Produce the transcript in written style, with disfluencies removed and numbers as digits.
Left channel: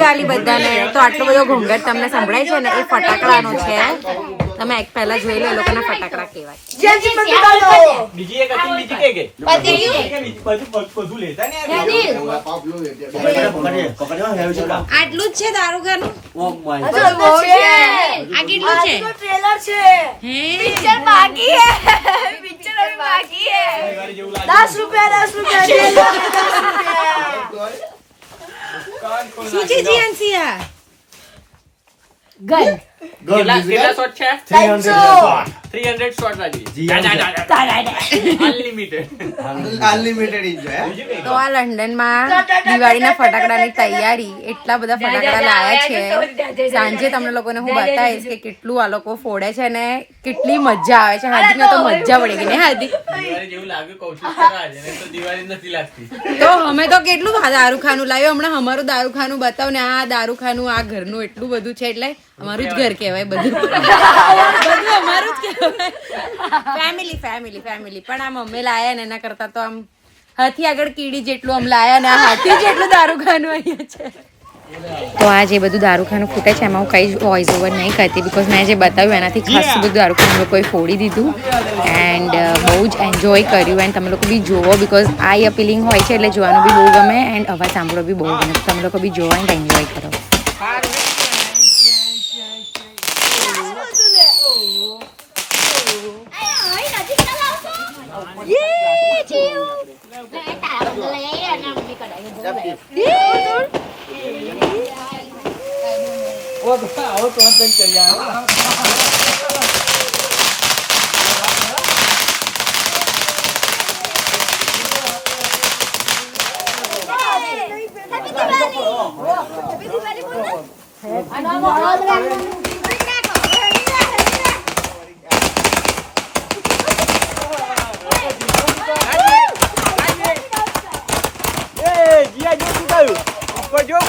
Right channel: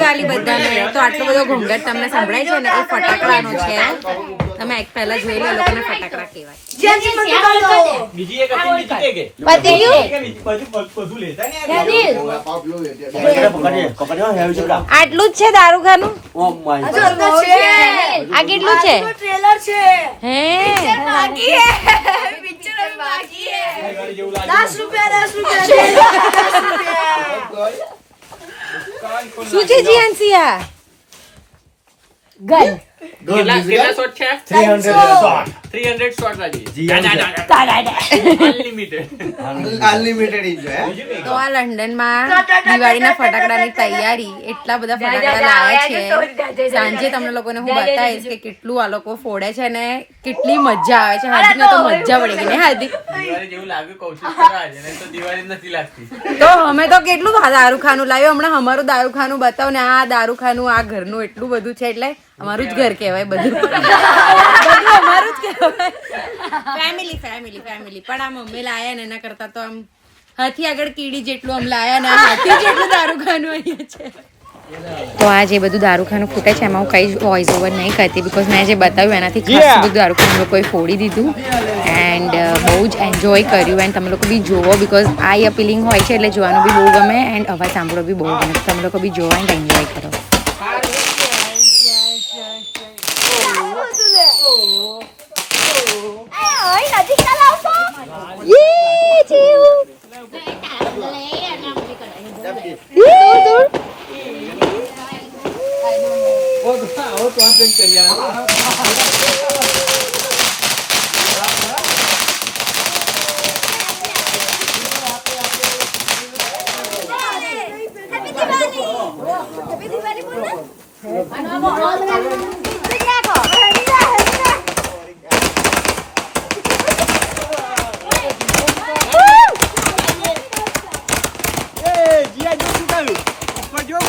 દિવાળી બધાને. તો આટલો બધો ઘોંઘાટ તમને સંભળાય છે ને એ ફટાકડાનો છે. તમે એક પહેલા જોઈ લો લોકોના ફટાકડા કેવા આટલું જ છે દારૂખાનું. આ કેટલું છે? ट्रेलर છે હે બાકી હે પિક્ચર બાકી હે 10 રૂપિયા શું છે જીએનસી આ? ગન કેટલા શોટ છે? 300 શોટ લાગી. Unlimited enjoy. તો આ લંડનમાં દિવાળીના ફટાકડાની તૈયારી એટલા બધા ફટાકડા લાયા છે. સાંજે તમને લોકોને હું બતાવીશ કે કેટલું આ લોકો ફોડે છે ને કેટલી મજા આવે છે. હાર્દિકને તો મજા પડી ગઈ ને હાર્દિક? દિવાળી જેવું લાગે કૌશિક કરવા છે ને તો દિવાળી નથી લાગતી. તો અમે તો કેટલું દારૂખાનું લાવ્યું. હમણાં અમારું દારૂખાનું બતાવ ને આ દારૂખાનું આ ઘરનું એટલું બધું છે એટલે અમારું જ ઘર કહેવાય બધું. બધું અમારું જ કહેવાય. Family family family. પણ આમ અમે લાયા ને એના કરતા તો આમ હાથી આગળ કીડી જેટલું આમ લાયા ને હાથી જેટલું દારૂખાનું અહીંયા છે. તો આ જે બધું દારૂખાનું ફૂટે છે એમાં હું કઈ વોઇસ ઓવર નહીં કરતી બિકોઝ મેં જે બતાવ્યું એનાથી ખાસ બધું દારૂખાનું લોકોએ ફોડી દીધું એન્ડ બહુ જ એન્જોય કર્યું. એન્ડ તમે લોકો બી જોવો બિકોઝ આઈ અપીલિંગ હોય છે એટલે જોવાનું બી બહુ ગમે એન્ડ અવાજ સાંભળવો બી બહુ ગમે. તમે લોકો બી જોવો એન્ડ એન્જોય કરો. જીયા જો શું થયું? ઉપર જો